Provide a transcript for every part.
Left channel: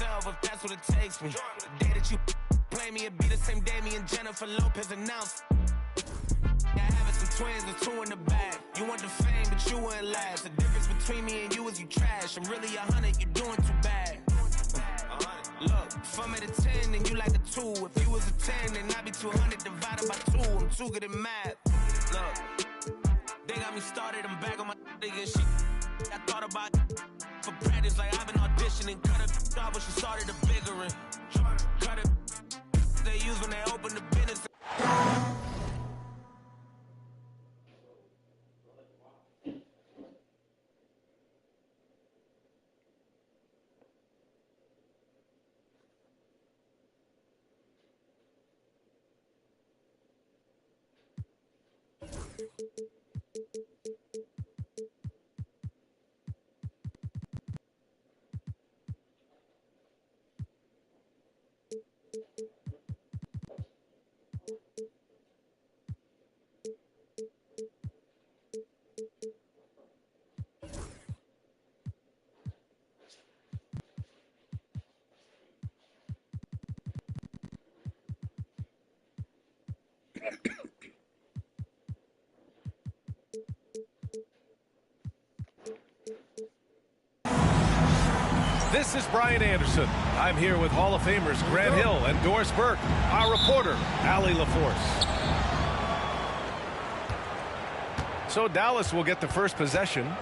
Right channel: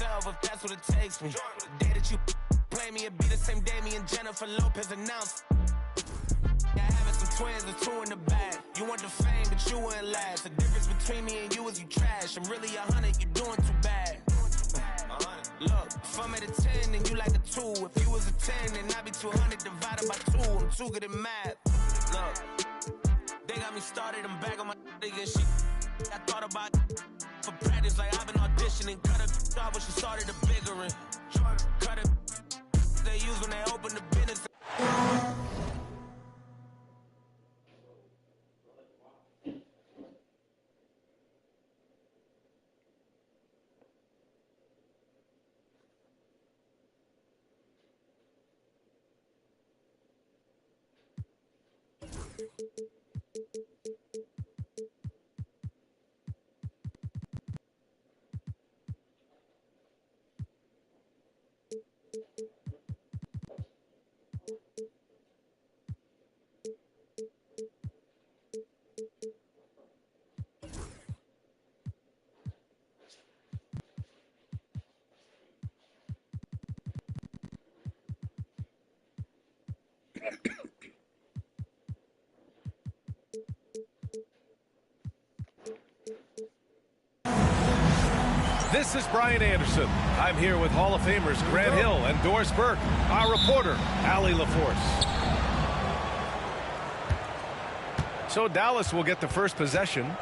myself if that's what it takes me. The day that you play me, it'd be the same day me and Jennifer Lopez announced. Yeah, having some twins and 2 in the bag. You want the fame, but you wouldn't last. The difference between me and you is you trash. I'm really 100, you're doing too bad. Look, if I'm at a 10, then you like a 2. If you was a 10, then I'd be 200 divided by 2. I'm too good at math. Look, they got me started, I'm back on my nigga shit. I thought about for practice, like I've been auditioning. Cut her off when she started the biggering. Cut it, they use when they open the business. This is Brian Anderson. I'm here with Hall of Famers Grant Hill and Doris Burke, our reporter, Allie LaForce. So Dallas will get the first possession.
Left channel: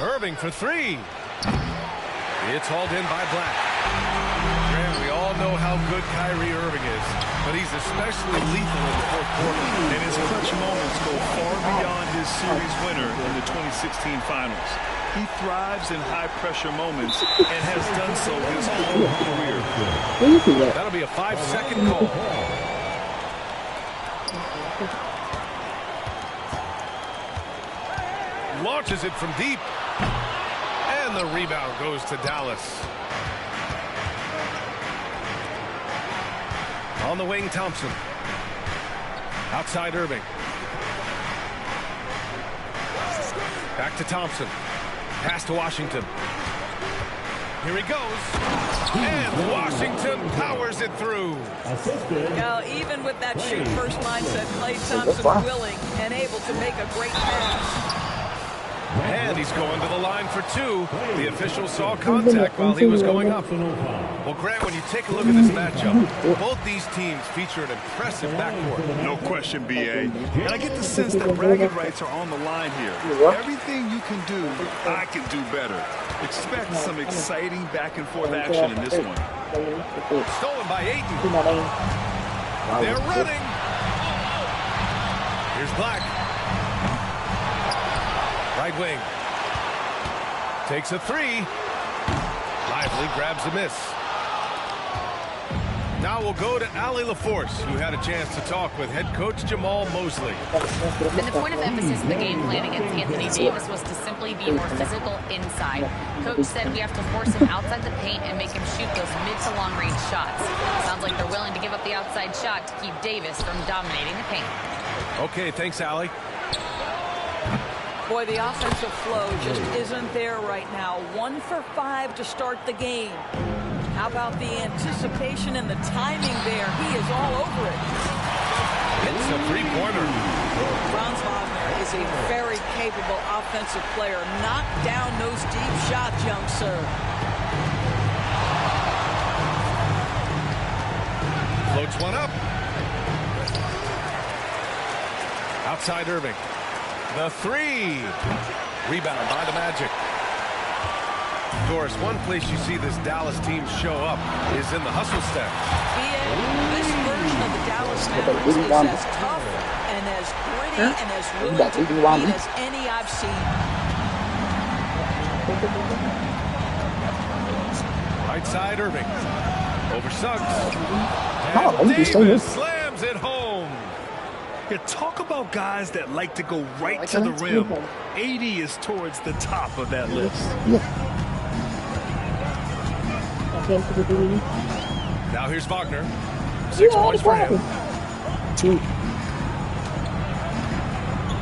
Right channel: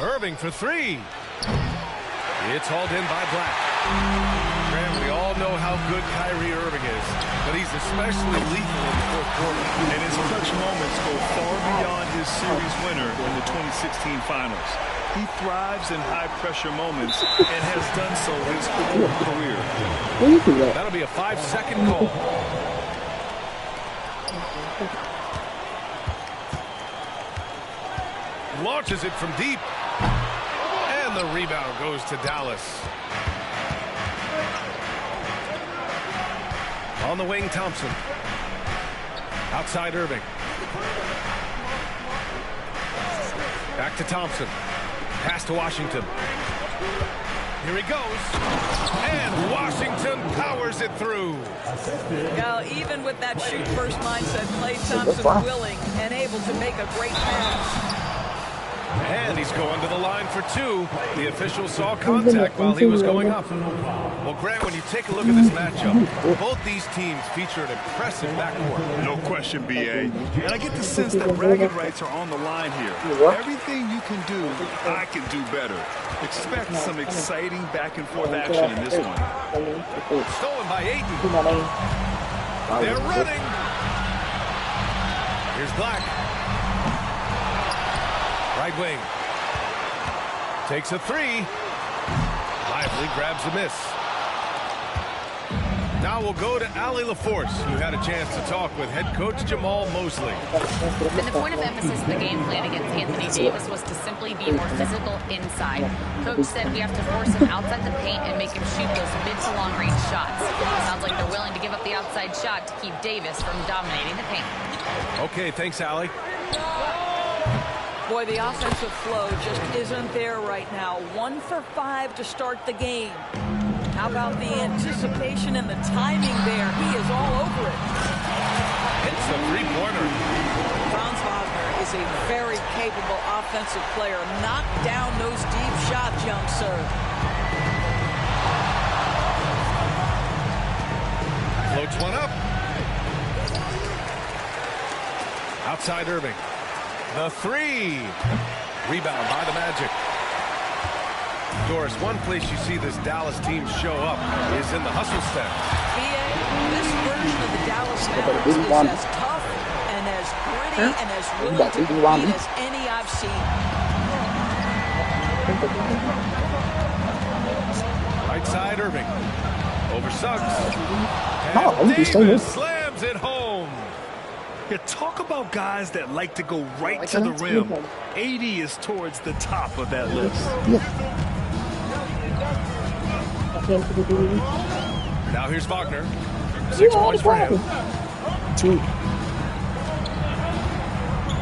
Irving for 3. It's hauled in by Black. Grant, we all know how good Kyrie Irving is, but he's especially lethal in the fourth quarter. And his clutch moments go far beyond his series winner in the 2016 finals. He thrives in high-pressure moments and has done so his whole career. That'll be a 5-second call. Launches it from deep. And the rebound goes to Dallas. On the wing, Thompson. Outside Irving. Back to Thompson. Pass to Washington. Here he goes. And Washington powers it through. Now, even with that shoot-first mindset, Klay Thompson willing and able to make a great pass. And he's going to the line for 2. The official saw contact while he was going up. Well, Grant, when you take a look at this matchup, both these teams feature an impressive backcourt. No question, B.A. And I get the sense that bragging rights are on the line here. Everything you can do, I can do better. Expect some exciting back-and-forth action in this one. Stolen by Ayton. They're running. Here's Black. Right wing. Takes a 3. Lively grabs a miss. Now we'll go to Allie LaForce, who had a chance to talk with head coach Jamal Mosley. And the point of emphasis of the game plan against Anthony Davis was to simply be more physical inside. Coach said we have to force him outside the paint and make him shoot those mid to long range shots. Sounds like they're willing to give up the outside shot to keep Davis from dominating the paint. Okay, thanks, Allie. Boy, the offensive flow just isn't there right now. 1 for 5 to start the game. How about the anticipation and the timing there? He is all over it. It's a 3-pointer. Franz Wagner is a very capable offensive player. Knock down those deep shots, young sir. Floats one up. Outside Irving. The 3. Rebound by the Magic. Doris, one place you see this Dallas team show up is in the hustle step. This version of the Dallas Mavericks is as tough and as gritty and as willing to compete as any I've seen. Right side Irving. Over Suggs. And Davis slams it home. Yeah, talk about guys that like to go right to the rim. 80 is towards the top of that list. Now here's Wagner. 6 points for him.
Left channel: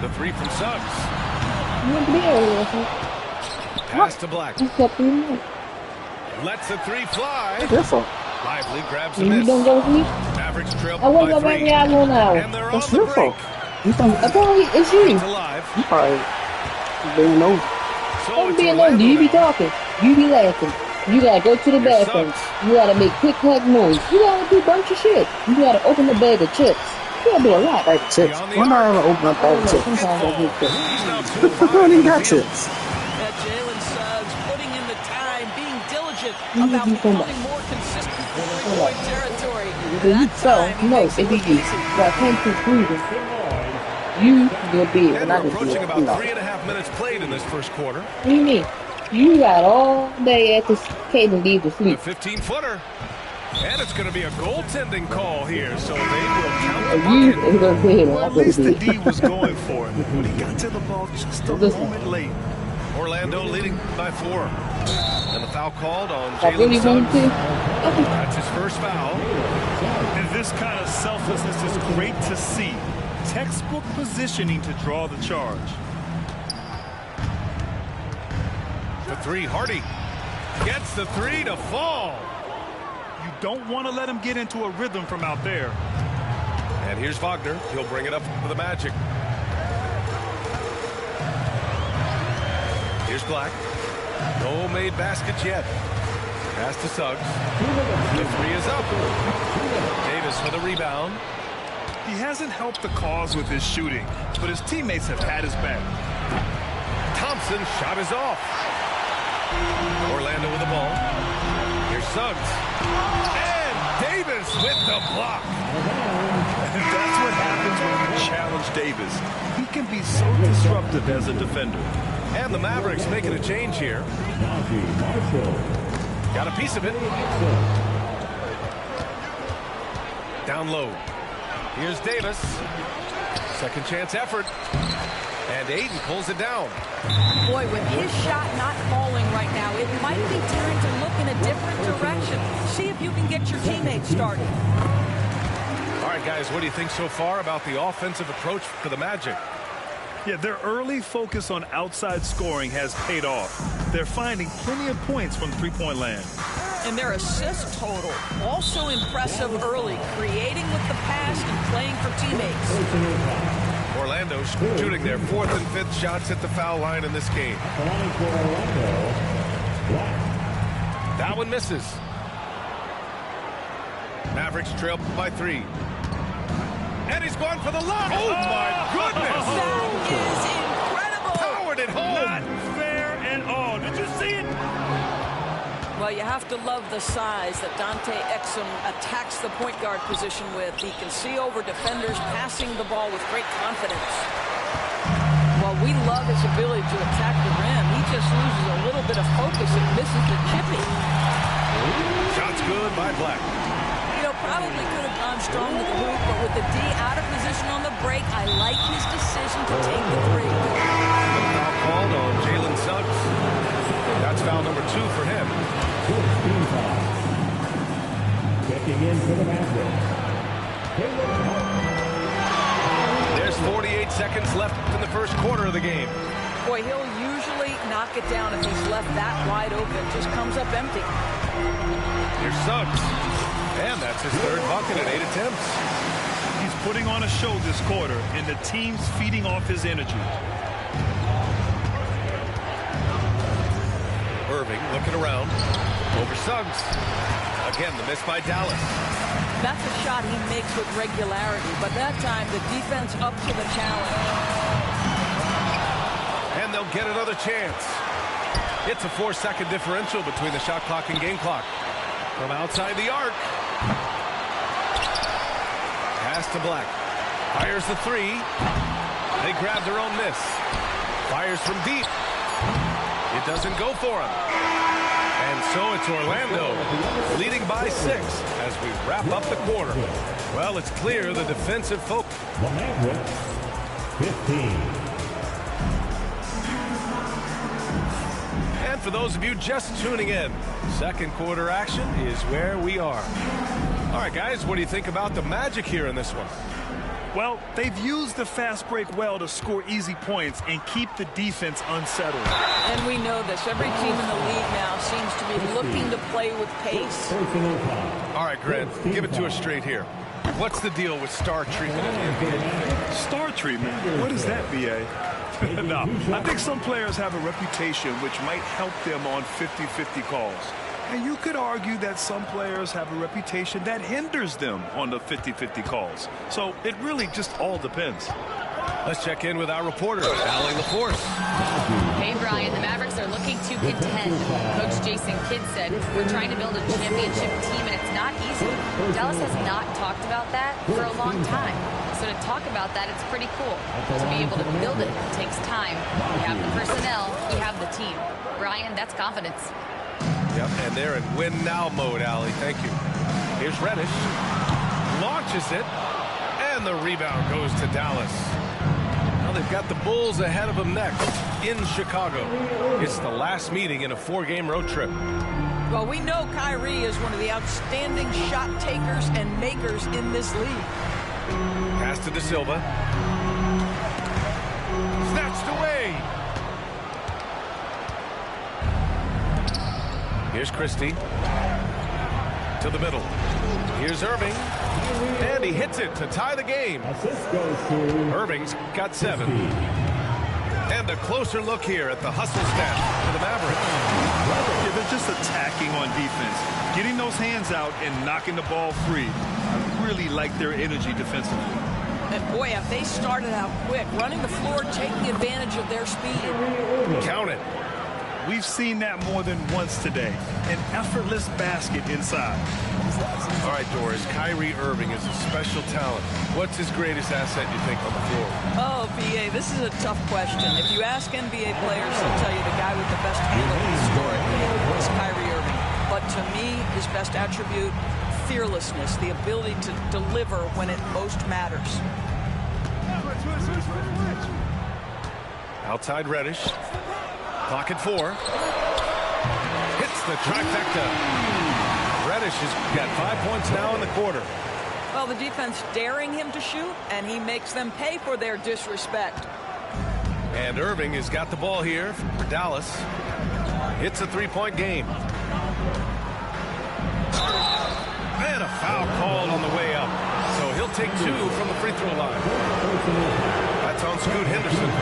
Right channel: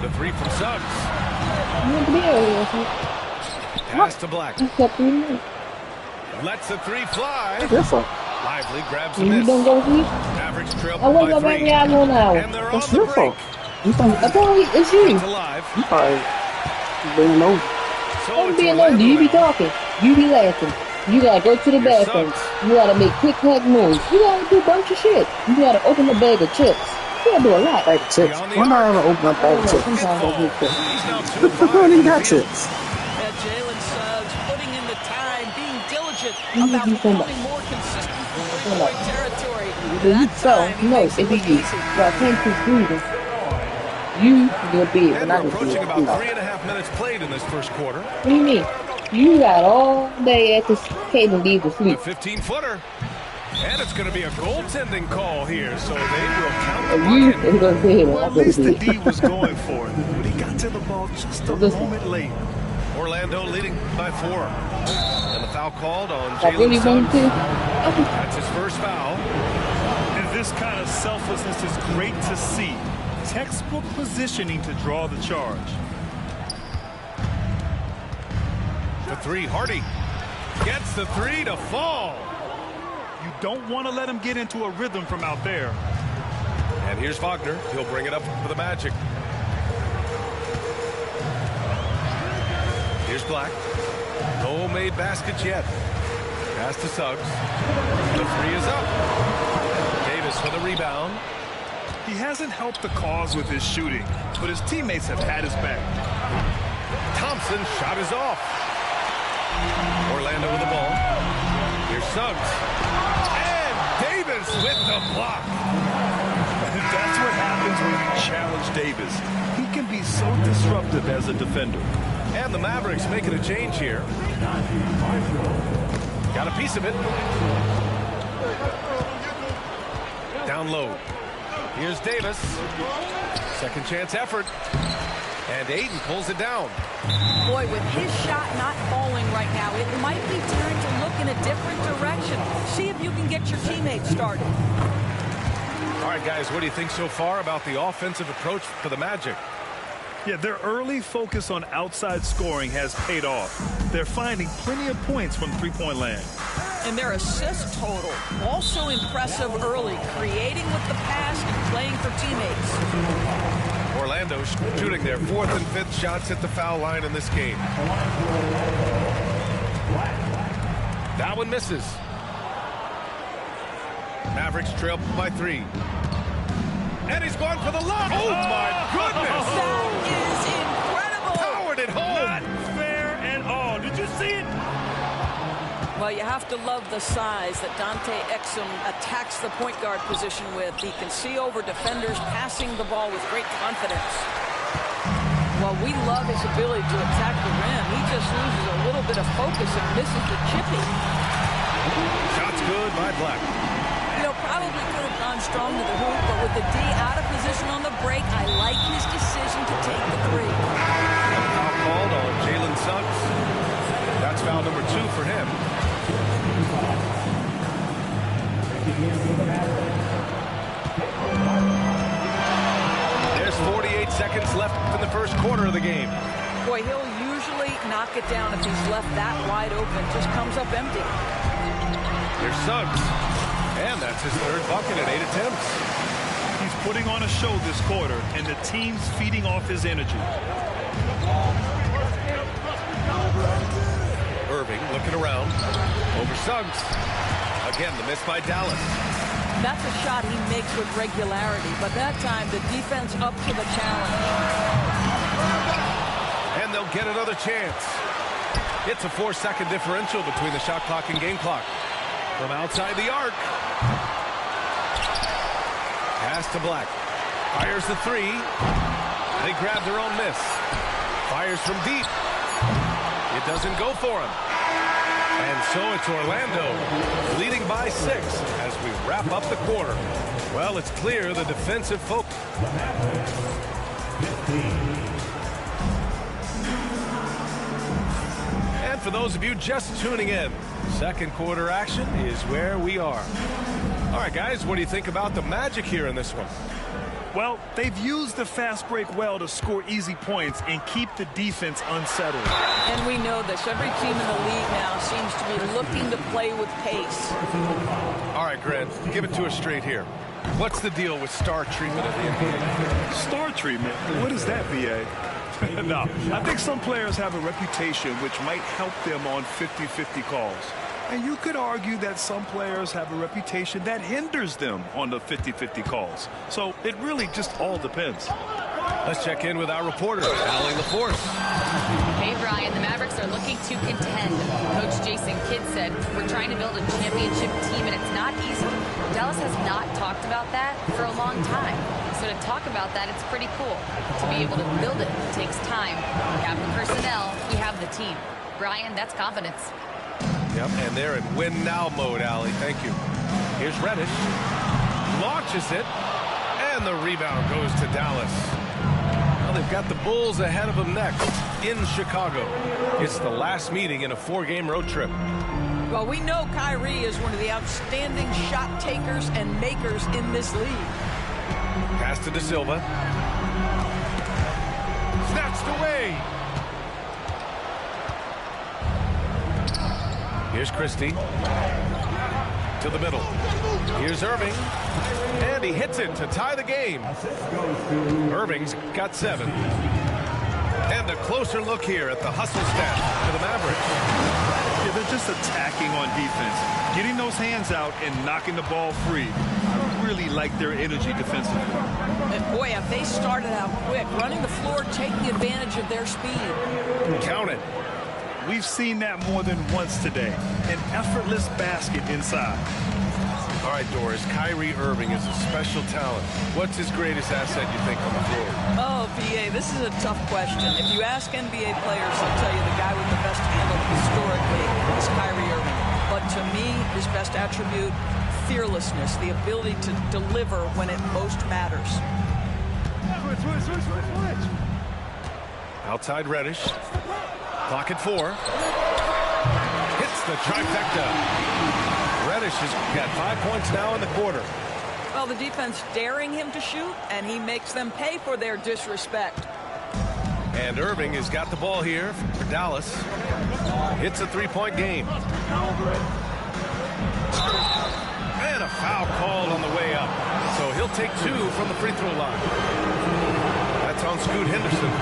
The 3 from Suggs. Pass to Black. Lets the three fly. What's your fault? Lively grabs the You miss. don't go to sleep? Mavericks trail I wake by up 3. every hour now. And they're That's on the your break. fault. I thought it's you. It's alive. You probably being nosy. So Don't it's be Orlando nosy. You be now. talking. You be laughing. You gotta go to the Your bathroom. Suggs. You gotta make quick hug noise. You gotta do a bunch of shit. You gotta open a bag of chips. You gotta do a lot. Bag of chips. Beyond the When I arc. ever open up bag of chips? Sometimes I do chips. He's now 2 I of 5 don't on even the got field. chips. Jalen Suggs putting in the time, being diligent You about do so much. becoming more consistent in three-point territory. You That so time, he no, makes it it be look you. easy. So I can't keep breathing. You will be And when I we're just approaching do it. about You know. 3.5 minutes played in this first quarter. What do you mean? You got all day at this cave and leave to The sleep. 15-footer. And it's going to be a goaltending call here, so they will count the And you bucket. is gonna be Well, at here. least the D was going for it, but he got to the ball just a Listen. moment late. Orlando leading by 4. And the foul called on I really Jalen want Suggs. to. Okay. That's his first foul. And this kind of selflessness is great to see. Textbook positioning to draw the charge. The 3, Hardy. Gets the 3 to fall. You don't want to let him get into a rhythm from out there. And here's Wagner. He'll bring it up for the Magic. Here's Black. No made baskets yet. Pass to Suggs. The 3 is up. Davis for the rebound. He hasn't helped the cause with his shooting, but his teammates have had his back. Thompson shot is off. Orlando with the ball. Here's Suggs. And Davis with the block. And that's what happens when you challenge Davis. He can be so disruptive as a defender. And the Mavericks making a change here. Got a piece of it. Down low. Here's Davis. Second chance effort. And Aiden pulls it down. Boy, with his shot not falling right now, it might be time to look in a different direction. See if you can get your teammates started. All right, guys, what do you think so far about the offensive approach for the Magic? Yeah, their early focus on outside scoring has paid off. They're finding plenty of points from three-point land. And their assist total, also impressive early, creating with the pass and playing for teammates. Orlando shooting their 4th and 5th shots at the foul line in this game. That one misses. Mavericks trail by 3. And he's going for the lob. Oh, my goodness. That is incredible. Powered it home. Not fair at all. Did you see it? Well, you have to love the size that Dante Exum attacks the point guard position with. He can see over defenders, passing the ball with great confidence. Well, we love his ability to attack the rim. He just loses a little bit of focus and misses the chippy. Shots good by Black. You know, probably could have gone strong to the hoop, but with the D out of position on the break, I like his decision to take the 3. And foul called on Jalen Suggs. That's foul number 2 for him. There's 48 seconds left in the first quarter of the game. Boy, he'll usually knock it down if he's left that wide open. Just comes up empty. Here's Suggs. And that's his 3rd bucket in 8 attempts. He's putting on a show this quarter, and the team's feeding off his energy. Irving looking around. Over Suggs. Again, the miss by Dallas. That's a shot he makes with regularity, but that time the defense up to the challenge. And they'll get another chance. It's a 4-second differential between the shot clock and game clock. From outside the arc. Pass to Black. Fires the 3. They grab their own miss. Fires from deep. It doesn't go for him. And so it's Orlando leading by 6 as we wrap up the quarter. Well, it's clear the defensive focus. And for those of you just tuning in, second quarter action is where we are. All right, guys, what do you think about the Magic here in this one? Well, they've used the fast break well to score easy points and keep the defense unsettled. And we know this. Every team in the league now seems to be looking to play with pace. All right, Grant, give it to us straight here. What's the deal with star treatment in the NBA, you think? Star treatment? What is that, B.A.? No, I think some players have a reputation which might help them on 50-50 calls. And you could argue that some players have a reputation that hinders them on the 50-50 calls. So it really just all depends. Let's check in with our reporter, Allie LaForce. Hey, Brian, the Mavericks are looking to contend. Coach Jason Kidd said, we're trying to build a championship team, and it's not easy. Dallas has not talked about that for a long time. So to talk about that, it's pretty cool. To be able to build it takes time. We have the personnel, we have the team. Brian, that's confidence. Yep, and they're in win-now mode, Allie. Thank you. Here's Reddish. Launches it, and the rebound goes to Dallas. Well, they've got the Bulls ahead of them next in Chicago. It's the last meeting in a 4-game road trip. Well, we know Kyrie is one of the outstanding shot takers and makers in this league. Pass to De Silva. Snatched away. Here's Christie. To the middle. Here's Irving. And he hits it to tie the game. Irving's got 7. And a closer look here at the hustle stat for the Mavericks. Yeah, they're just attacking on defense. Getting those hands out and knocking the ball free. I really like their energy defensively. And boy, if they started out quick, running the floor, taking advantage of their speed. Count it. We've seen that more than once today. An effortless basket inside. All right, Doris, Kyrie Irving is a special talent. What's his greatest asset, you think, on the floor? Oh, B.A., this is a tough question. If you ask NBA players, they'll tell you the guy with the best handle historically is Kyrie Irving. But to me, his best attribute, fearlessness, the ability to deliver when it most matters. Outside Reddish. Clock at 4. Hits the trifecta. Reddish has got 5 points now in the quarter. Well, the defense daring him to shoot, and he makes them pay for their disrespect. And Irving has got the ball here for Dallas. Hits a 3-point game. And a foul called on the way up. So he'll take 2 from the free throw line. That's on Scoot Henderson.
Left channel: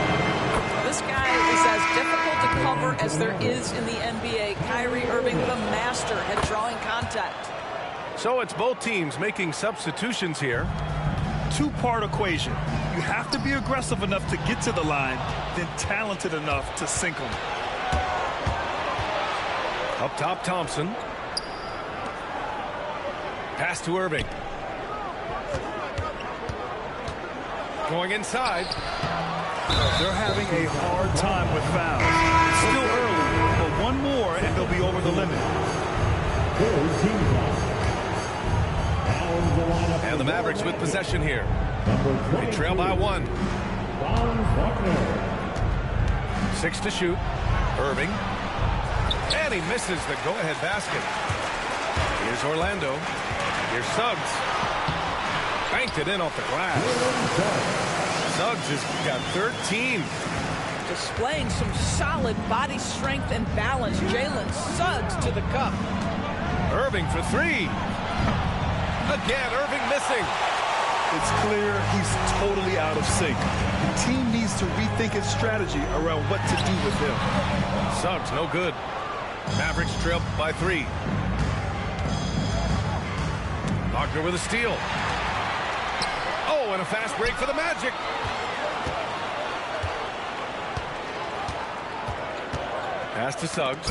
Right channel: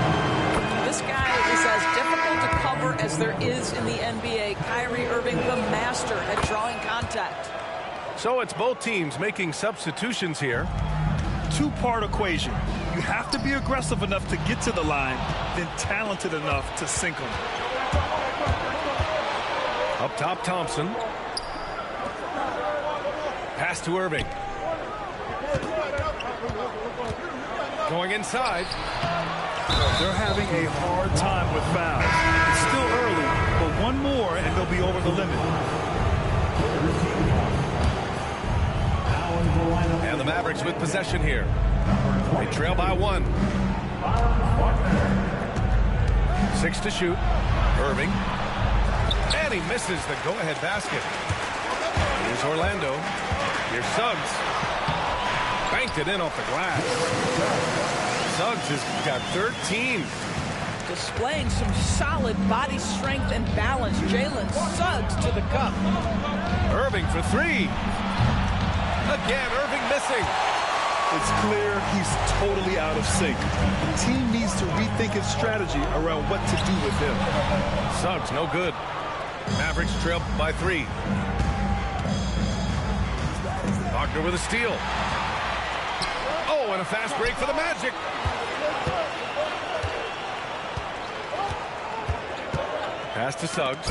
This guy is as difficult to cover as there is in the NBA. Kyrie Irving, the master at drawing contact. So it's both teams making substitutions here. Two-part equation. You have to be aggressive enough to get to the line, then talented enough to sink them. Up top, Thompson. Pass to Irving. Going inside. They're having a hard time with fouls. It's still early, but one more and they'll be over the limit. And the Mavericks with possession here. They trail by 1. 6 to shoot. Irving. And he misses the go-ahead basket. Here's Orlando. Here's Suggs. Banked it in off the glass. Suggs has got 13. Displaying some solid body strength and balance. Jalen Suggs to the cup. Irving for 3. Again, Irving missing. It's clear he's totally out of sync. The team needs to rethink its strategy around what to do with him. Suggs, no good. Mavericks trail by 3. Wagner with a steal. Oh, and a fast break for the Magic. Pass to Suggs.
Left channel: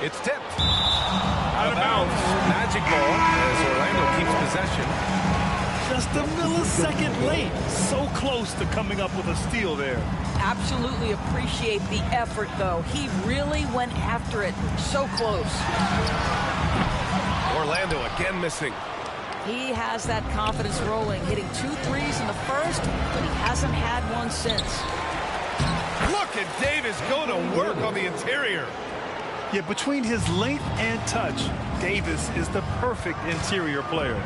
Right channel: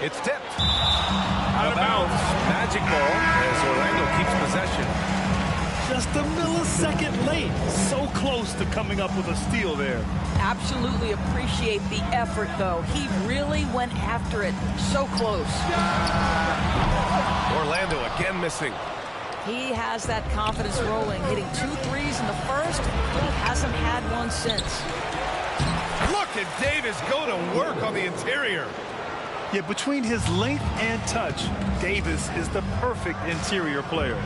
It's tipped. Out of bounds. Magic ball as Orlando keeps possession. Just a millisecond late. So close to coming up with a steal there. Absolutely appreciate the effort, though. He really went after it. So close. Orlando again missing. He has that confidence rolling, hitting 2 threes in the first, but he hasn't had one since. Look at Davis go to work on the interior. Yeah, between his length and touch, Davis is the perfect interior player.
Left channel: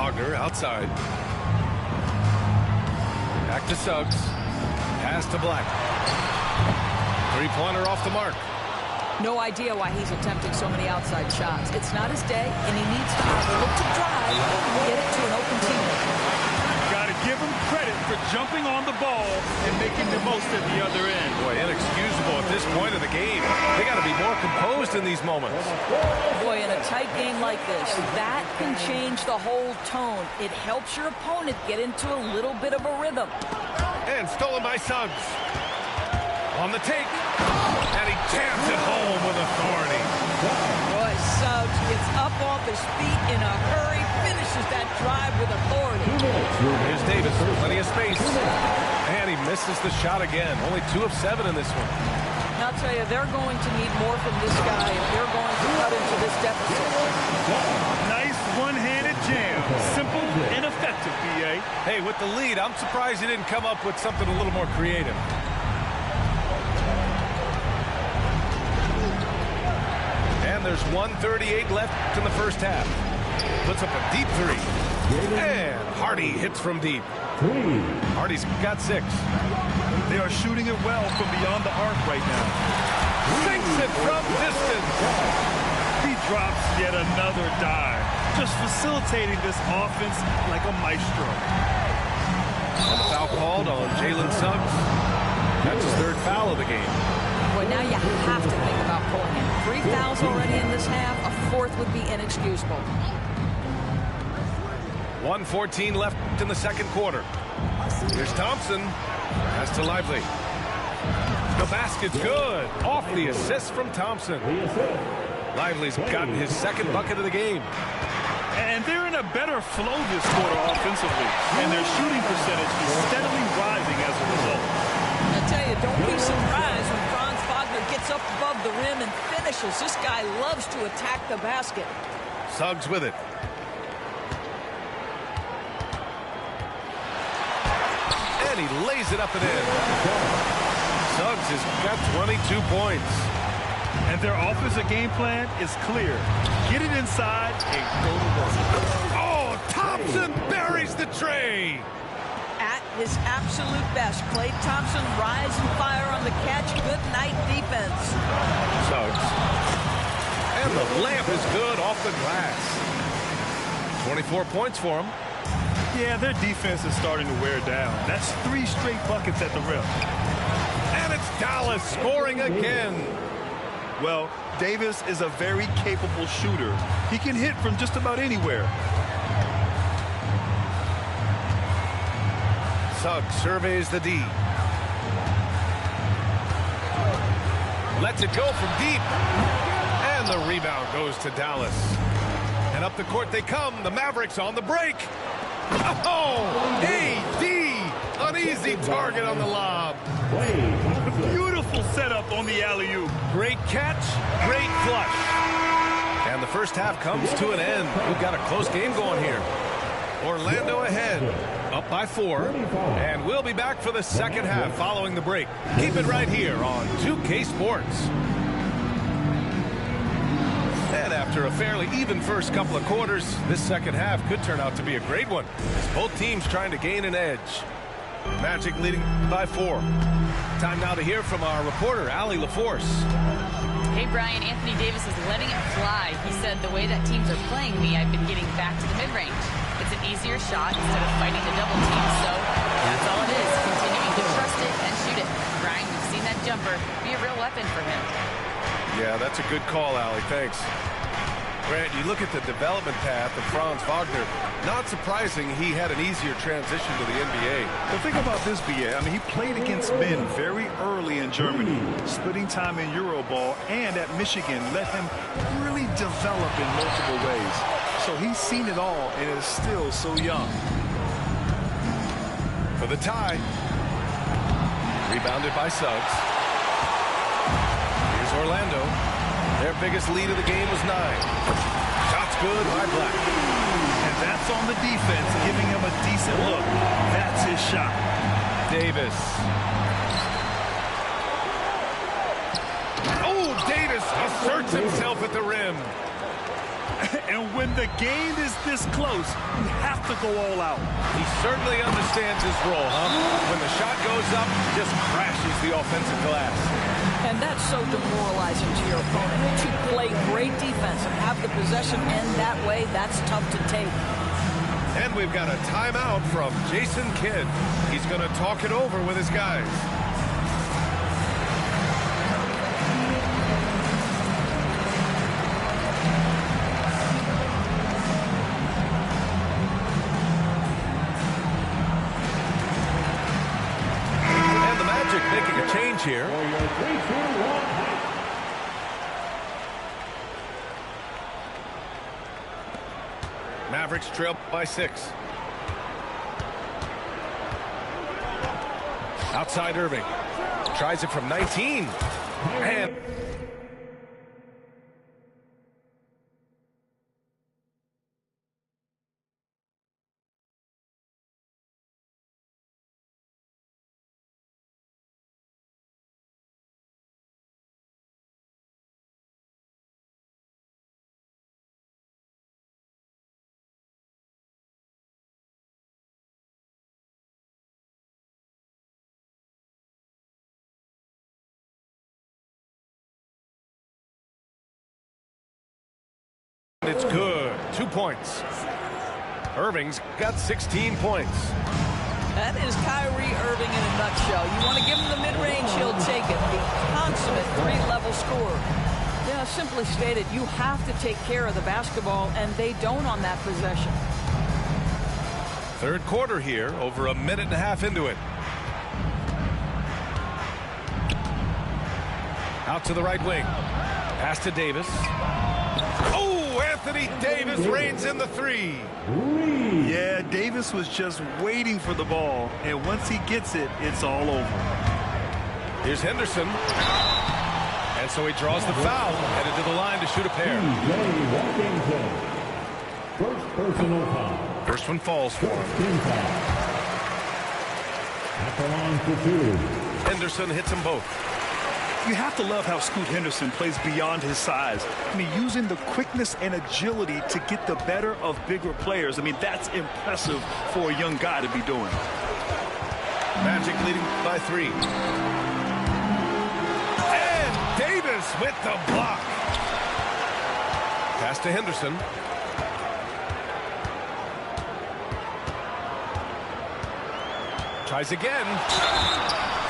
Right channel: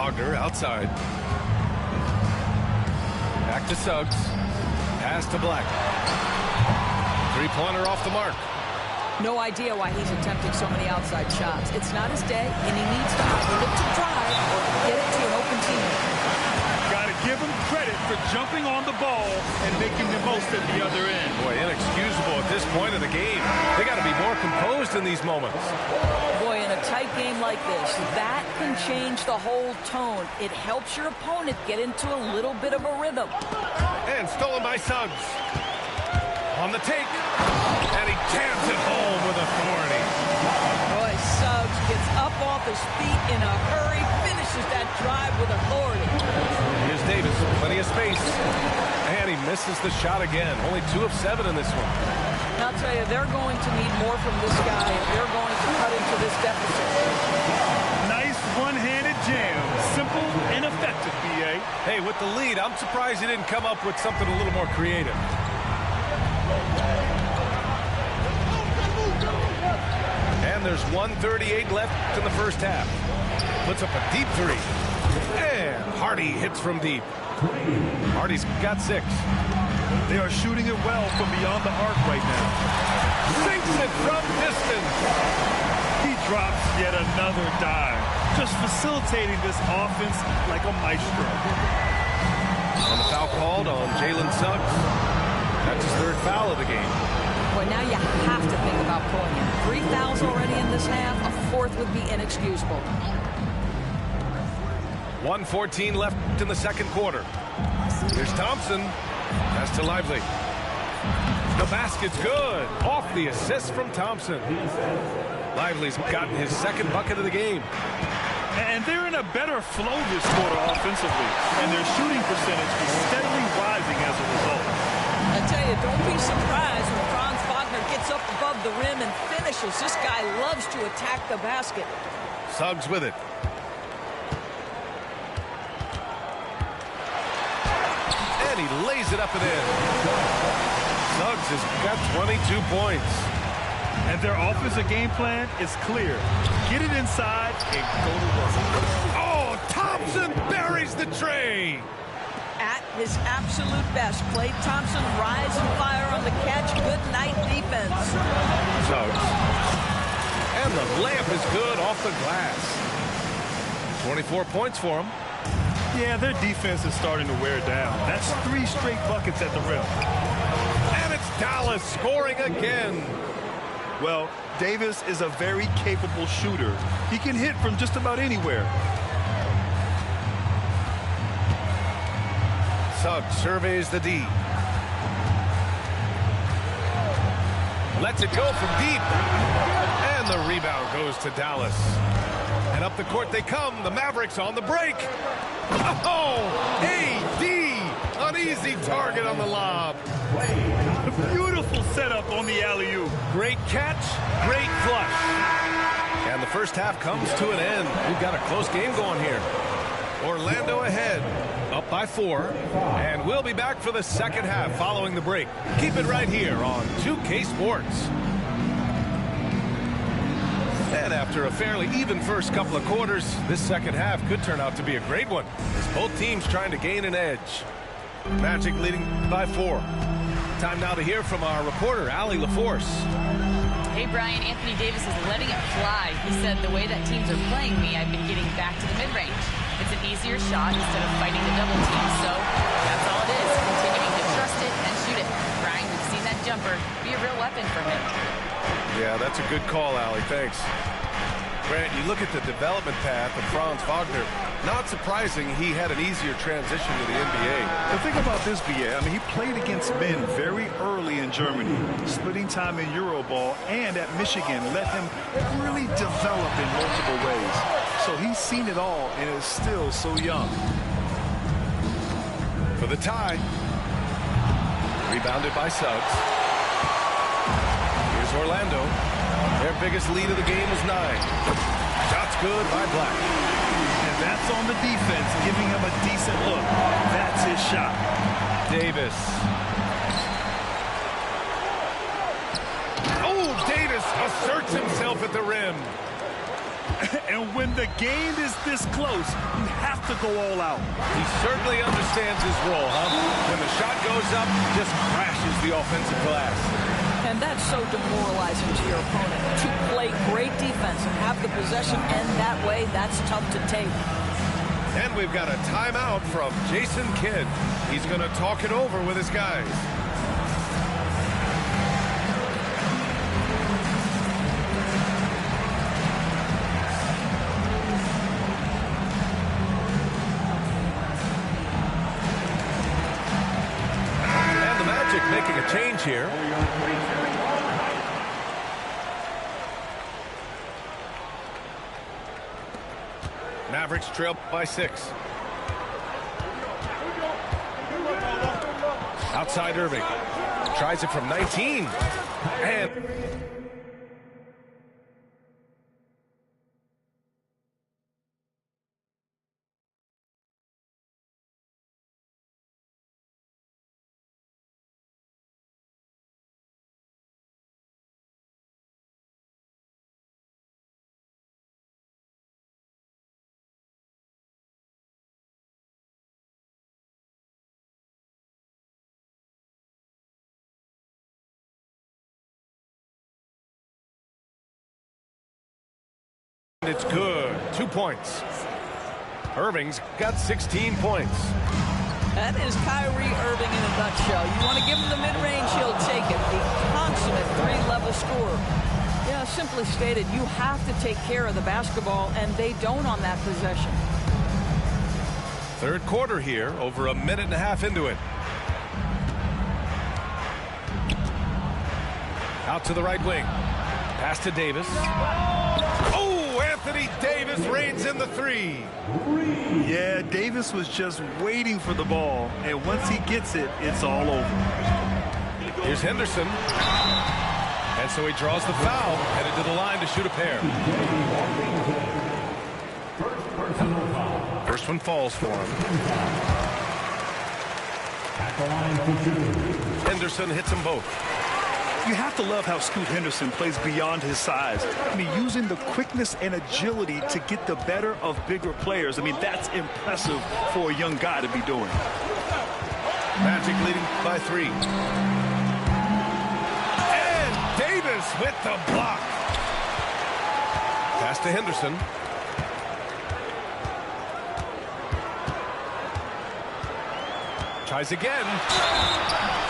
Wagner outside. Back to Suggs. Pass to Black. Three-pointer off the mark. No idea why he's attempting so many outside shots. It's not his day, and he needs to either look to drive or get it to an open teammate. Got to give him credit for jumping on the ball and making the most at the other end. Boy, inexcusable at this point of the game. They got to be more composed in these moments. Boy, in a tight game like this, that can change the whole tone. It helps your opponent get into a little bit of a rhythm. And stolen by Suggs. On the take. And he jams it home with authority. Boy, Suggs gets up off his feet in a hurry, finishes that drive with authority. Here's Davis, plenty of space. And he misses the shot again. Only 2 of 7 in this one. I'll tell you, they're going to need more from this guy if they're going to cut into this deficit. Nice one-handed jam. Simple and effective, B.A. Hey, with the lead, I'm surprised he didn't come up with something a little more creative. And there's 1:38 left in the first half. Puts up a deep 3. And Hardy hits from deep. Hardy's got 6. They are shooting it well from beyond the arc right now. Sinks it from distance. He drops yet another dive, just facilitating this offense like a maestro. And the foul called on Jalen Suggs. That's his 3rd foul of the game. Well, now you have to think about pulling him. 3 fouls already in this half. A 4th would be inexcusable. 1:14 left in the second quarter. Here's Thompson. Pass to Lively. The basket's good. Off the assist from Thompson. Lively's gotten his 2nd bucket of the game. And they're in a better flow this quarter offensively. And their shooting percentage is steadily rising as a result. I tell you, don't be surprised when Franz Wagner gets up above the rim and finishes. This guy loves to attack the basket. Suggs with it. And he lays it up and in. Suggs has got 22 points. And their offensive game plan is clear. Get it inside and go to work. Oh, Thompson buries the tray. At his absolute best, Klay Thompson rise and fire on the catch. Good night defense. Suggs. And the layup is good off the glass. 24 points for him. Yeah, their defense is starting to wear down. That's 3 straight buckets at the rim. And it's Dallas scoring again. Well, Davis is a very capable shooter. He can hit from just about anywhere. Suggs surveys the D. Lets it go from deep. And the rebound goes to Dallas. And up the court they come. The Mavericks on the break. Oh, AD. An easy target on the lob. Beautiful setup on the alley-oop. Great catch, great flush. And the first half comes to an end. We've got a close game going here. Orlando ahead, up by 4. And we'll be back for the second half following the break. Keep it right here on 2K Sports. And after a fairly even first couple of quarters, this second half could turn out to be a great one, as both teams trying to gain an edge. Magic leading by 4. Time now to hear from our reporter, Allie LaForce. Hey, Brian, Anthony Davis is letting it fly. He said, the way that teams are playing me, I've been getting back to the mid-range. It's an easier shot instead of fighting the double team. So that's all it is, continuing to trust it and shoot it. Brian, we've seen that jumper be a real weapon for him. Yeah, that's a good call, Allie. Thanks. Grant, you look at the development path of Franz Wagner. Not surprising he had an easier transition to the NBA. The thing about this, B.A., I mean, he played against men very early in Germany, splitting time in Euroball, and at Michigan let him really develop in multiple ways. So he's seen it all and is still so young. For the tie. Rebounded by Suggs. Here's Orlando. Their biggest lead of the game was 9. Shots good by Black. And that's on the defense, giving him a decent look. That's his shot. Davis. Oh, Davis asserts himself at the rim. And when the game is this close, you have to go all out. He certainly understands his role, huh? When the shot goes up, just crashes the offensive glass. And that's so demoralizing to your opponent. To play great defense and have the possession end that way, that's tough to take. And we've got a timeout from Jason Kidd. He's going to talk it over with his guys. And the Magic making a change here. Mavericks trail by 6. Outside Irving. Tries it from 19. And it's good. 2 points. Irving's got 16 points. That is Kyrie Irving in a nutshell. You want to give him the mid-range, he'll take it. The consummate three-level scorer. Yeah, simply stated, you have to take care of the basketball, and they don't on that possession. Third quarter here, over a minute and a half into it. Out to the right wing. Pass to Davis. Oh, Anthony Davis reigns in the 3. Yeah, Davis was just waiting for the ball, and once he gets it, it's all over. Here's Henderson. And so he draws the foul, headed to the line to shoot a pair. First one falls for him. At the line for 2. Henderson hits them both. You have to love how Scoot Henderson plays beyond his size. I mean, using the quickness and agility to get the better of bigger players. I mean, that's impressive for a young guy to be doing. Magic leading by 3. And Davis with the block. Pass to Henderson. Tries again.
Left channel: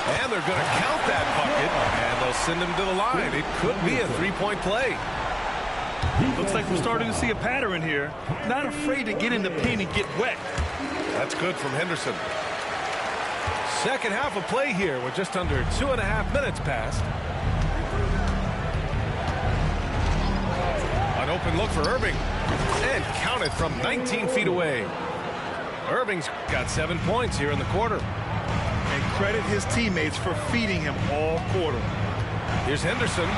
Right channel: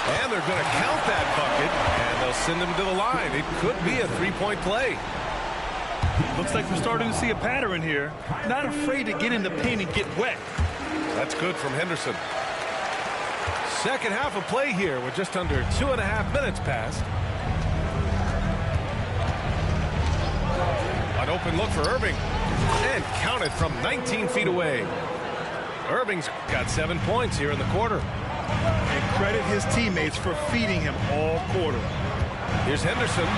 And they're going to count that bucket, and they'll send him to the line. It could be a three-point play. Looks like we're starting to see a pattern here. Not afraid to get in the paint and get wet. That's good from Henderson. Second half of play here with just under 2.5 minutes passed. An open look for Irving. And counted from 19 feet away. Irving's got 7 points here in the quarter. And credit his teammates for feeding him all quarter. Here's Henderson.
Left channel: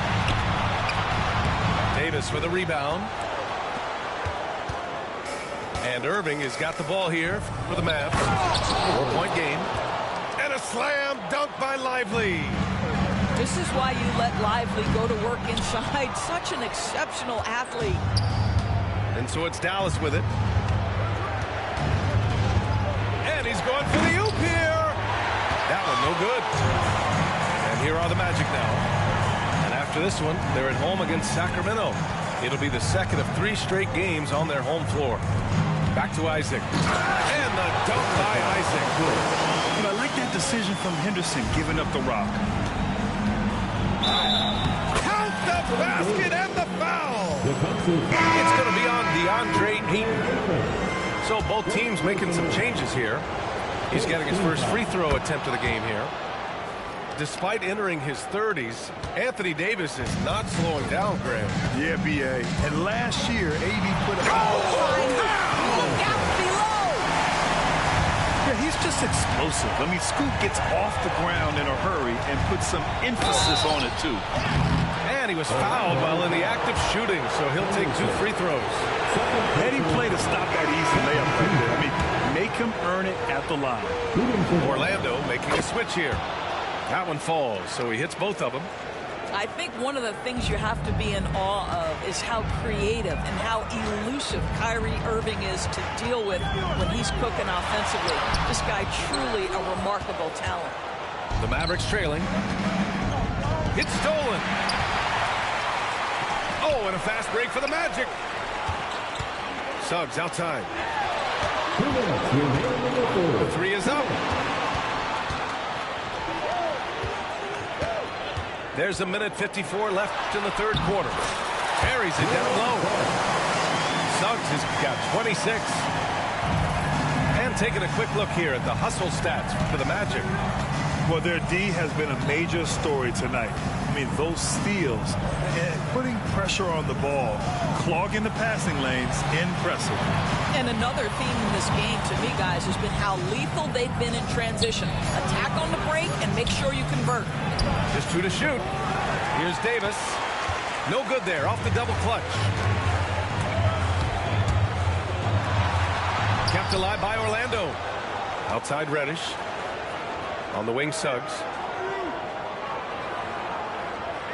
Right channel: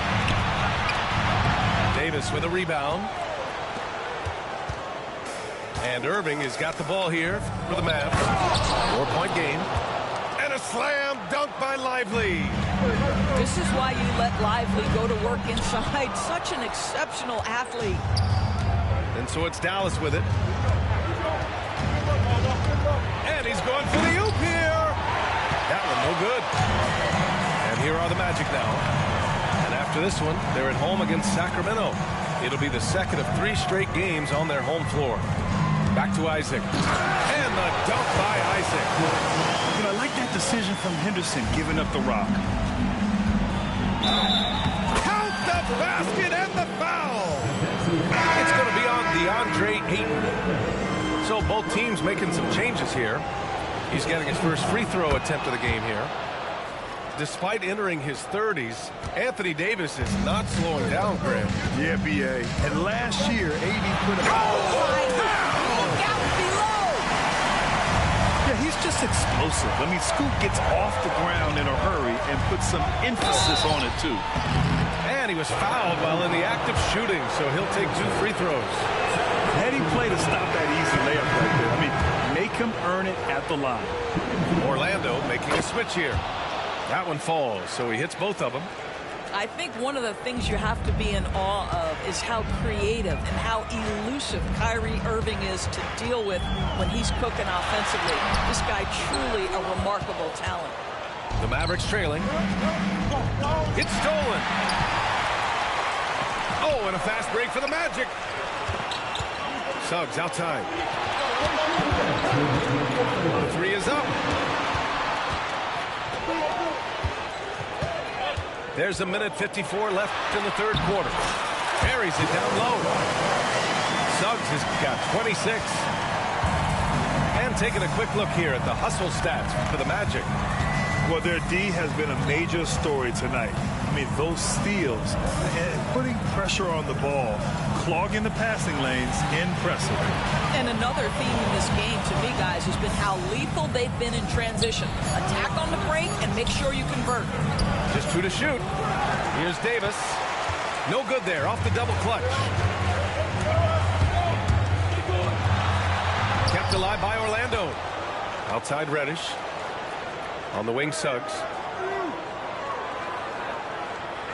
Davis with a rebound. And Irving has got the ball here for the Mavs. 4-point game. And a slam dunk by Lively. This is why you let Lively go to work inside. Such an exceptional athlete. And so it's Dallas with it. And he's going for the oop here. That one no good. And here are the Magic now. And after this one, they're at home against Sacramento. It'll be the second of 3 straight games on their home floor. Back to Isaac. And the dunk by Isaac. You know, I like that decision from Henderson giving up the rock. Count the basket and the foul. It's going to be on DeAndre Ayton. So both teams making some changes here. He's getting his first free throw attempt of the game here. Despite entering his 30s, Anthony Davis is not slowing down, Graham. Yeah, B.A. And last year, AD put up... Look out below! Yeah, he's just explosive. I mean, Scoot gets off the ground in a hurry and puts some emphasis on it, too. And he was fouled while in the act of shooting, so he'll take 2 free throws. Heady play to stop that easy layup right there. I mean, make him earn it at the line. Orlando making a switch here. That one falls, so he hits both of them. I think one of the things you have to be in awe of is how creative and how elusive Kyrie Irving is to deal with when he's cooking offensively. This guy truly a remarkable talent. The Mavericks trailing. It's stolen. Oh, and a fast break for the Magic. Suggs outside. The three is up. There's a minute 54 left in the third quarter. Carries it down low. Suggs has got 26. And taking a quick look here at the hustle stats for the Magic. Well, their D has been a major story tonight. I mean, those steals and putting pressure on the ball, clogging the passing lanes, impressive. And another theme in this game to me, guys, has been how lethal they've been in transition. Attack on the break and make sure you convert. Just 2 to shoot. Here's Davis. No good there, off the double clutch. Kept alive by Orlando. Outside Reddish. On the wing, Suggs.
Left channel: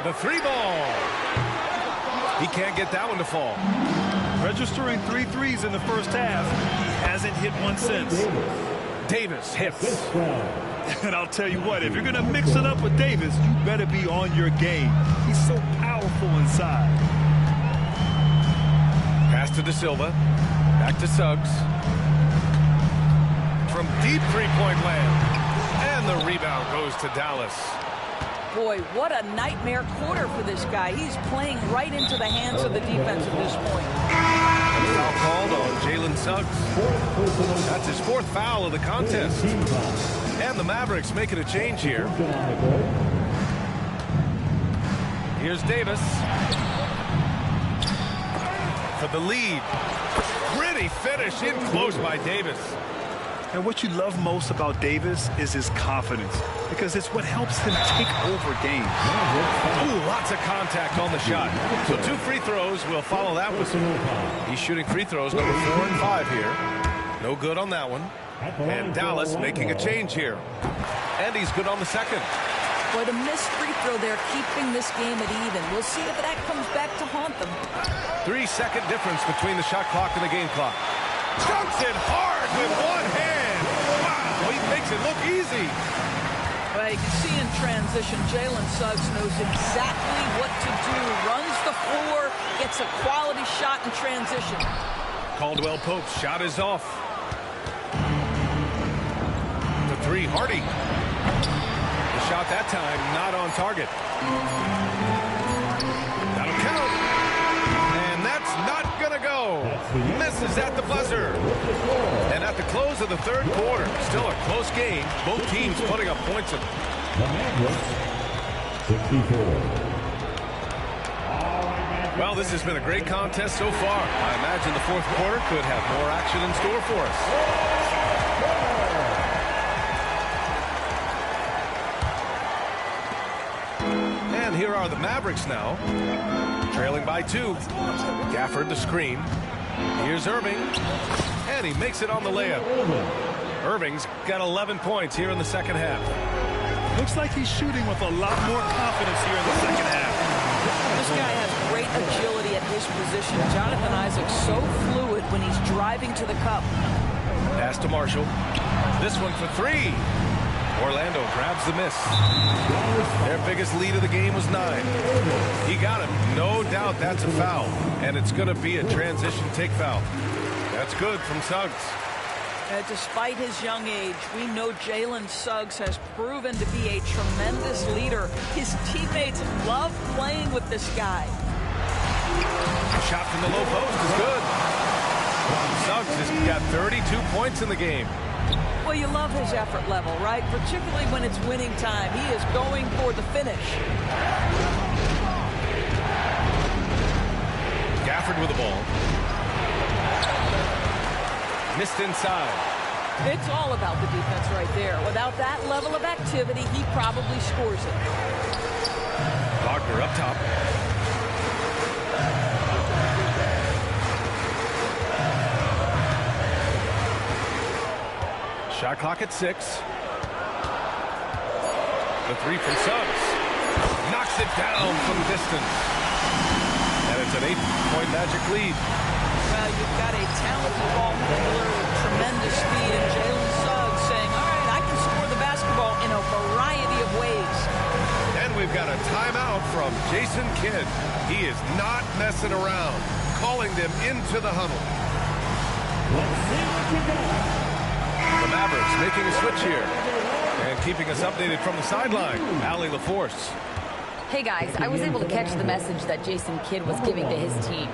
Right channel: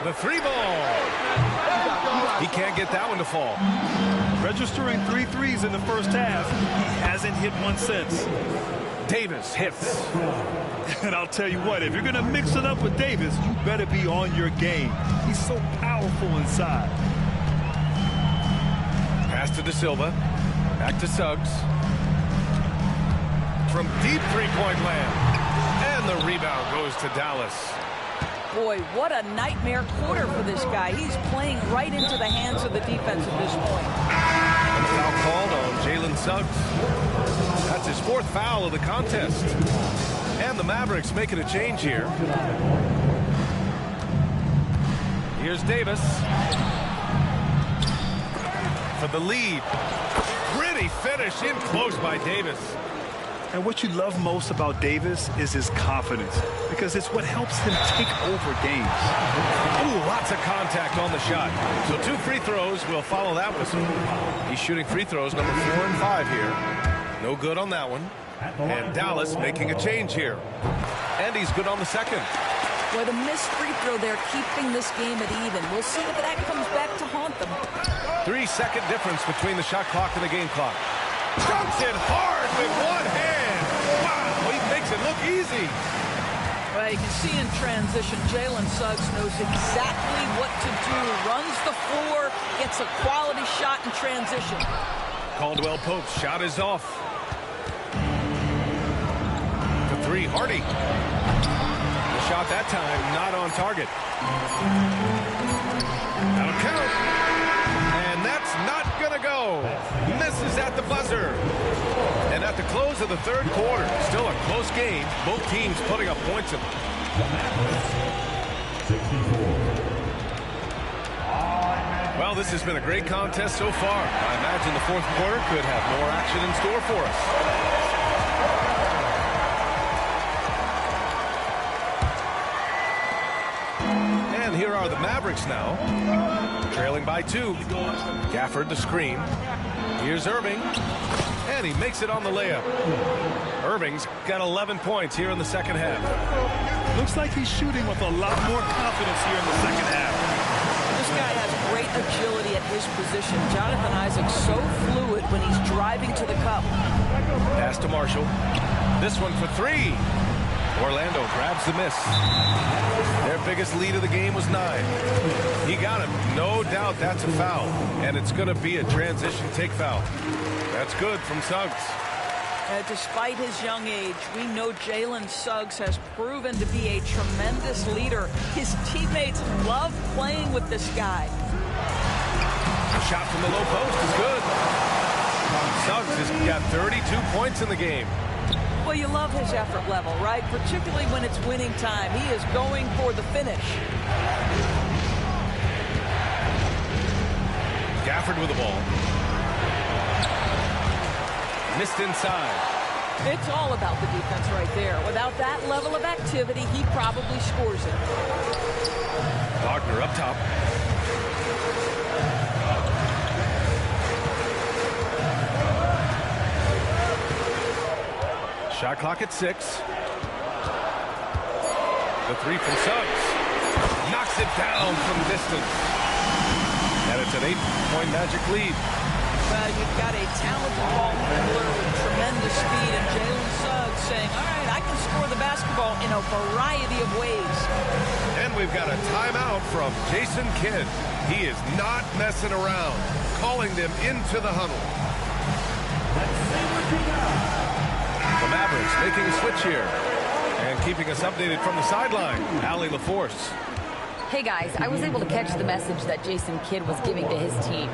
The three ball. He can't get that one to fall. Registering 3 threes in the first half. He hasn't hit one since. Davis hits. And I'll tell you what, if you're going to mix it up with Davis, you better be on your game. He's so powerful inside. Pass to De Silva. Back to Suggs. From deep three-point land. And the rebound goes to Dallas. Boy, what a nightmare quarter for this guy. He's playing right into the hands of the defense at this point. And the foul called on Jalen Suggs. That's his 4th foul of the contest. And the Mavericks making a change here. Here's Davis. For the lead. Gritty finish in close by Davis. And what you love most about Davis is his confidence, because it's what helps him take over games. Ooh, lots of contact on the shot. So 2 free throws will follow that whistle. He's shooting free throws number 4 and 5 here. No good on that one. And Dallas making a change here. And he's good on the second. Boy, the missed free throw there, keeping this game at even. We'll see if that comes back to haunt them. 3-second difference between the shot clock and the game clock. Dunks it hard with one hand. Wow, he makes it look easy. Well, you can see in transition, Jalen Suggs knows exactly what to do. Runs the floor, gets a quality shot in transition. Caldwell Pope's shot is off. The three, Hardy. The shot that time, not on target. That'll count. And that's not going to go. Misses at the buzzer. And at the close of the third quarter, still a close game. Both teams putting up points. The Mavericks, 64. Well, this has been a great contest so far. I imagine the fourth quarter could have more action in store for us. And here are the Mavericks now. Trailing by 2. Gafford the screen. Here's Irving. And he makes it on the layup. Irving's got 11 points here in the second half. Looks like he's shooting with a lot more confidence here in the second half. This guy has great agility at his position. Jonathan Isaac's so fluid when he's driving to the cup. Pass to Marshall. This one for 3. Orlando grabs the miss. Their biggest lead of the game was 9. He got him. No doubt that's a foul. And it's going to be a transition take foul. That's good from Suggs. Despite his young age, we know Jalen Suggs has proven to be a tremendous leader. His teammates love playing with this guy. The shot from the low post is good. Suggs has got 32 points in the game. Well, you love his effort level, right? Particularly when it's winning time. He is going for the finish. Gafford with the ball. Missed inside. It's all about the defense right there. Without that level of activity, he probably scores it. Wagner up top. Shot clock at 6. The 3 from Suggs. Knocks it down from distance. And it's an 8-point Magic lead. Well, you've got a talented ball handler with tremendous speed, and Jalen Suggs saying, all right, I can score the basketball in a variety of ways. And we've got a timeout from Jason Kidd. He is not messing around, calling them into the huddle. The Mavericks making a switch here and keeping us updated from the sideline. Allie LaForce. Hey guys, I was able to catch the message that Jason Kidd was giving to his team.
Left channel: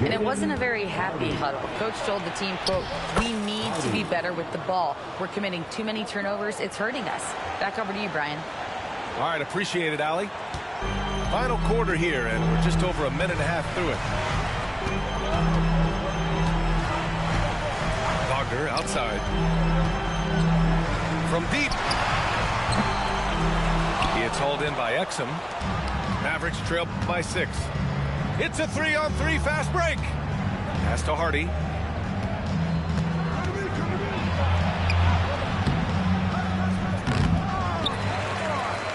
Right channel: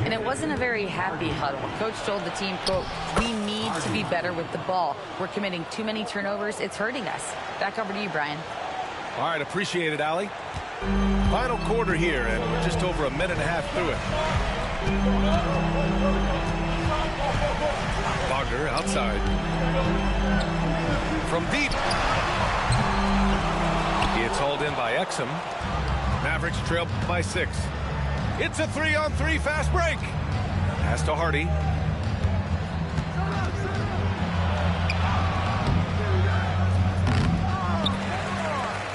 And it wasn't a very happy huddle. Coach told the team, quote, we need to be better with the ball. We're committing too many turnovers. It's hurting us. Back over to you, Brian. All right, appreciate it, Allie. Final quarter here, and we're just over a minute and a half through it. Wagner outside. From deep. It's hauled in by Exum. Mavericks trail by 6. It's a 3-on-3 fast break. Pass to Hardy.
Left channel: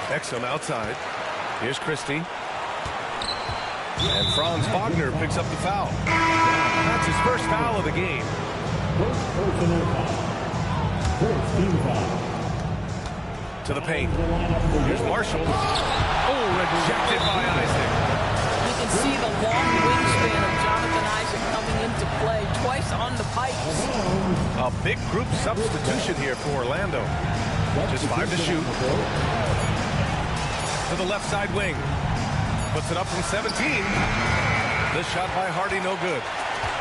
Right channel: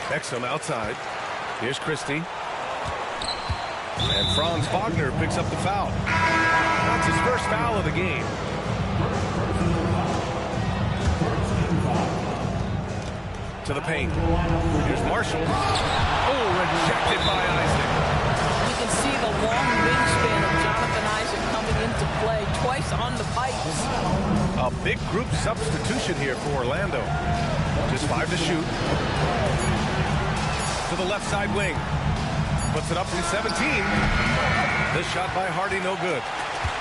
Exum outside. Here's Christie. And Franz Wagner picks up the foul. That's his first foul of the game. First personal foul. First team foul. To the paint. Here's Marshall. Oh, rejected by Isaac. You can see the long wingspan of Jonathan Isaac coming into play twice on the pipes. A big group substitution here for Orlando. Just 5 to shoot. To the left side wing. Puts it up from 17. This shot by Hardy, no good.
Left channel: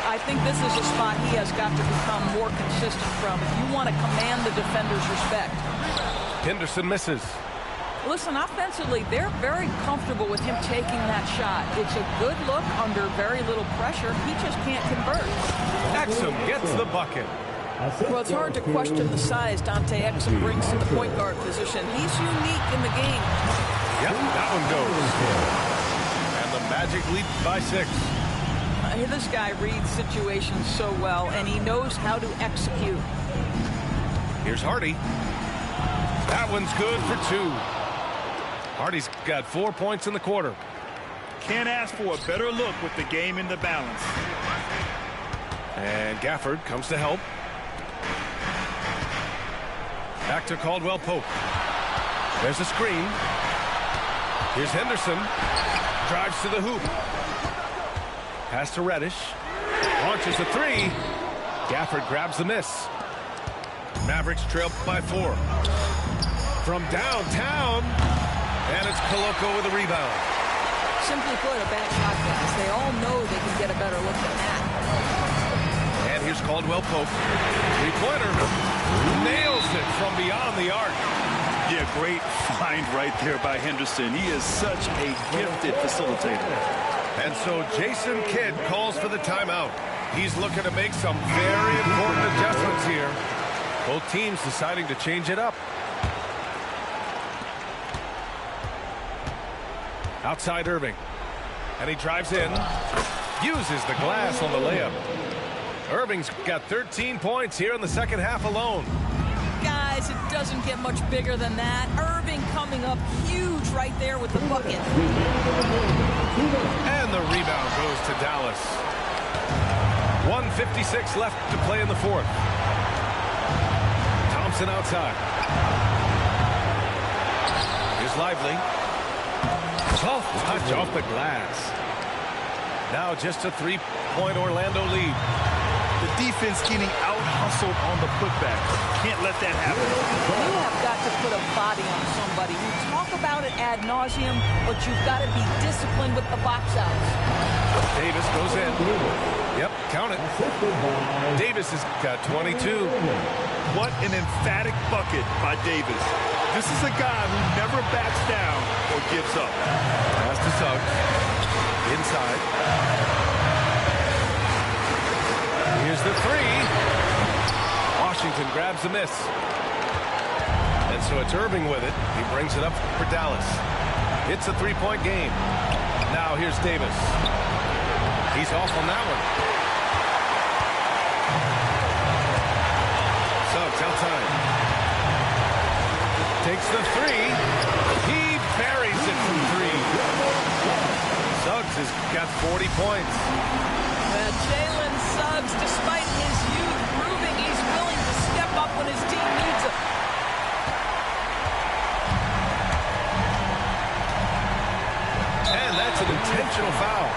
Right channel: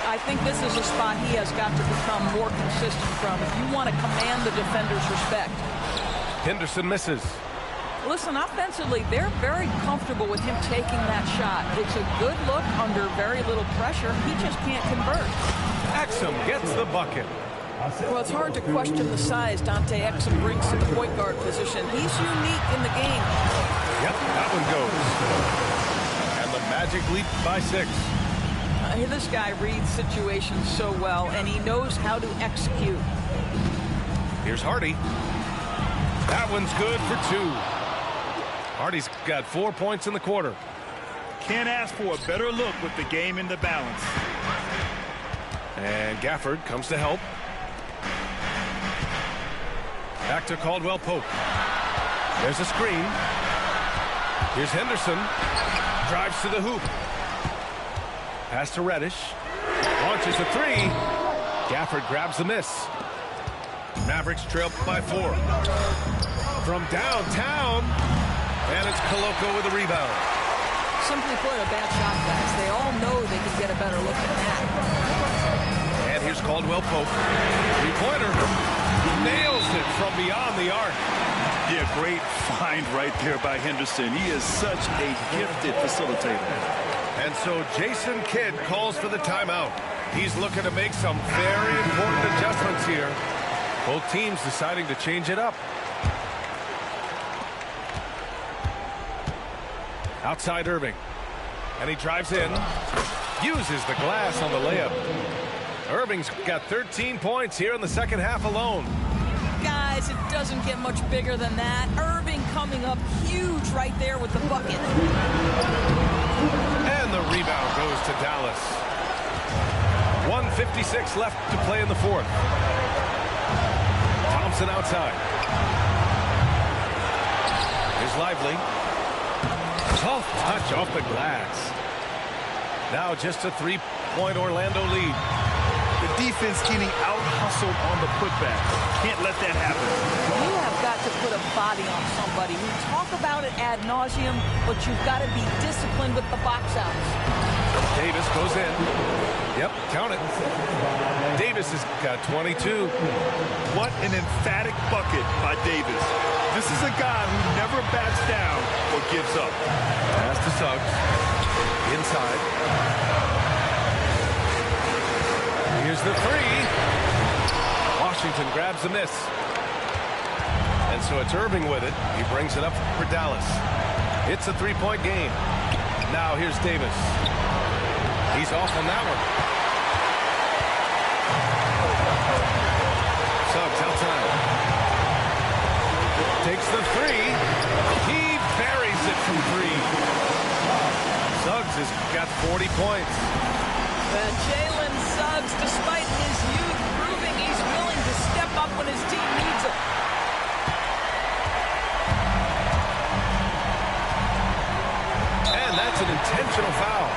I think this is a spot he has got to become more consistent from if you want to command the defender's respect. Henderson misses. Listen, offensively, they're very comfortable with him taking that shot. It's a good look under very little pressure. He just can't convert. Exum gets the bucket. Well, it's hard to question the size Dante Exum brings to the point guard position. He's unique in the game. Yep, that one goes. And the Magic lead by 6. This guy reads situations so well, and he knows how to execute. Here's Hardy. That one's good for 2. Hardy's got 4 points in the quarter. Can't ask for a better look with the game in the balance. And Gafford comes to help. Back to Caldwell Pope. There's a screen. Here's Henderson. Drives to the hoop. Pass to Reddish. Launches a 3. Gafford grabs the miss. Mavericks trail by 4. From downtown. And it's Koloko with a rebound. Simply put, a bad shot, guys. They all know they can get a better look than that. And here's Caldwell Pope. 3-pointer. Nails it from beyond the arc. Yeah, great find right there by Henderson. He is such a gifted facilitator. And so Jason Kidd calls for the timeout. He's looking to make some very important adjustments here. Both teams deciding to change it up. Outside Irving. And he drives in. Uses the glass on the layup. Irving's got 13 points here in the second half alone. Guys, it doesn't get much bigger than that. Irving coming up huge right there with the bucket. And the rebound goes to Dallas. 1:56 left to play in the fourth. Thompson outside. Here's Lively. Soft touch off the glass. Now just a 3-point Orlando lead. The defense getting out-hustled on the putback. Can't let that happen. You have got to put a body on somebody. You talk about it ad nauseum, but you've got to be disciplined with the box outs. Davis goes in. Yep, count it. Davis has got 22. What an emphatic bucket by Davis. This is a guy who never backs down or gives up. Pass to Suggs. Inside. Here's the 3. Washington grabs the miss. And so it's Irving with it. He brings it up for Dallas. It's a 3-point game. Now here's Davis. He's off on that one. Suggs outside. Takes the 3. He buries it from 3. Suggs has got 40 points. Well, Jalen Suggs, despite his youth, proving he's willing to step up when his team needs him. And that's an intentional foul.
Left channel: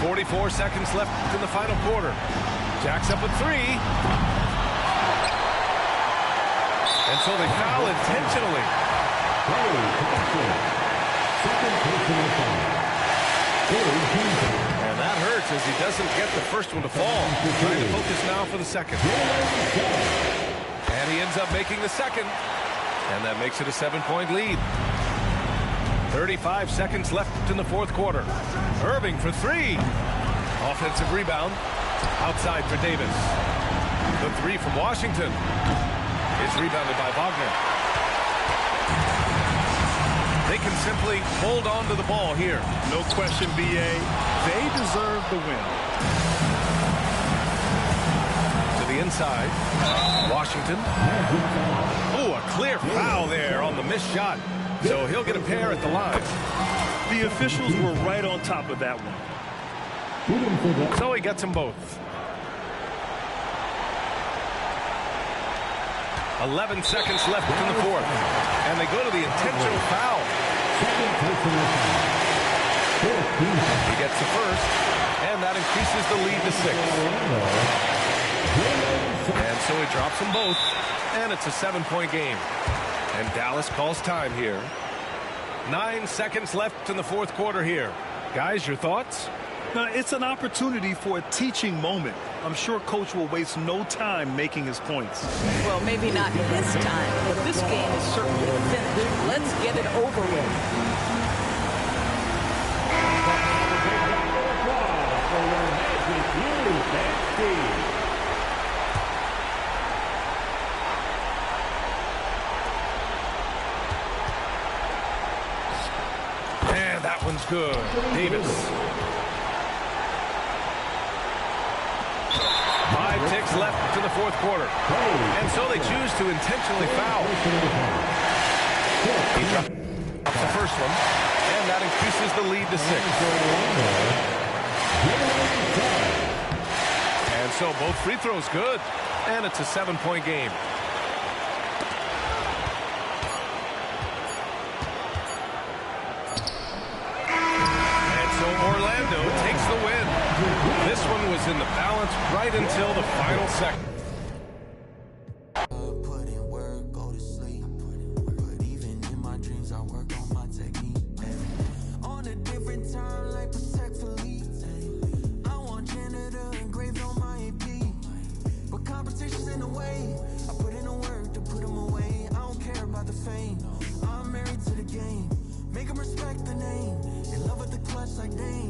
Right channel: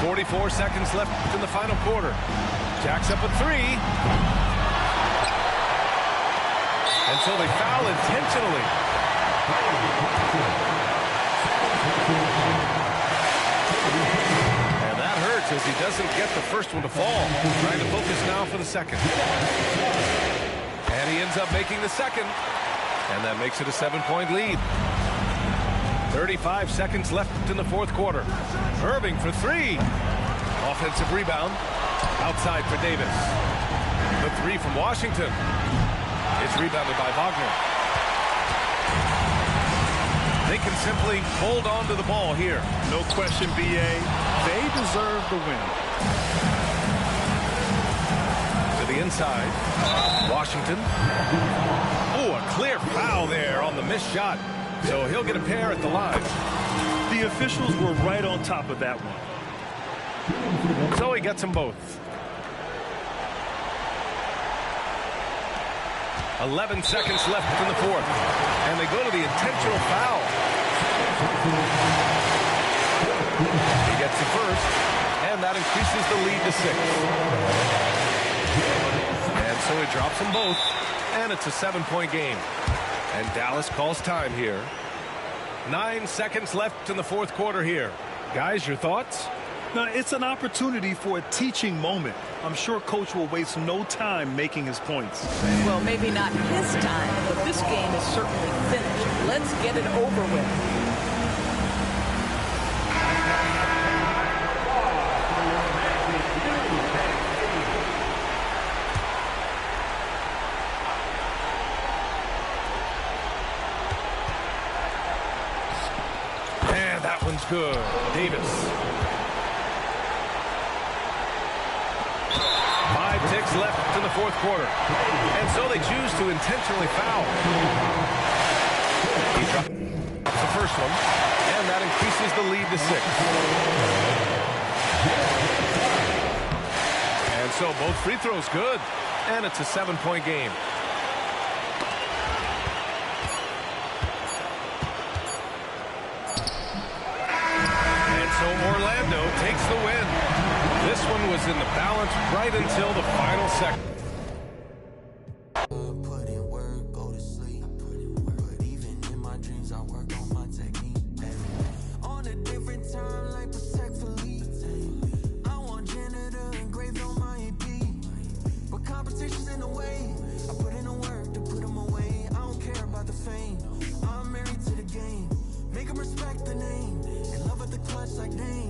44 seconds left in the final quarter. Jacks up at 3. And so they foul intentionally. And that hurts as he doesn't get the first one to fall. Trying to focus now for the second. And he ends up making the second. And that makes it a 7-point lead. 35 seconds left in the fourth quarter. Irving for 3. Offensive rebound. Outside for Davis. The 3 from Washington is rebounded by Wagner. They can simply hold on to the ball here. No question, B.A. They deserve the win. To the inside. Washington. Oh, a clear foul there on the missed shot. So he'll get a pair at the line. The officials were right on top of that one. So he gets them both. 11 seconds left in the fourth. And they go to the intentional foul. He gets the first. And that increases the lead to 6. And so he drops them both. And it's a 7-point game. And Dallas calls time here. 9 seconds left in the fourth quarter here. Guys, your thoughts? Now, it's an opportunity for a teaching moment. I'm sure Coach will waste no time making his points. Well, maybe not his time, but this game is certainly finished. Let's get it over with. And that one's good. Davis. 5 ticks left in the fourth quarter. And so they choose to intentionally foul. He drops the first one. And that increases the lead to 6. And so both free throws good. And it's a 7-point game. So Orlando takes the win. This one was in the balance right until the final second. Put in work, go to sleep. But even in my dreams, I work on my technique. On a different time, like protect Philippe. I want janitor engraved on my AP. But competition's in the way. I put in the work to put them away. I don't care about the fame. I'm married to the game. Make them respect the name. In love with the clutch like Dame.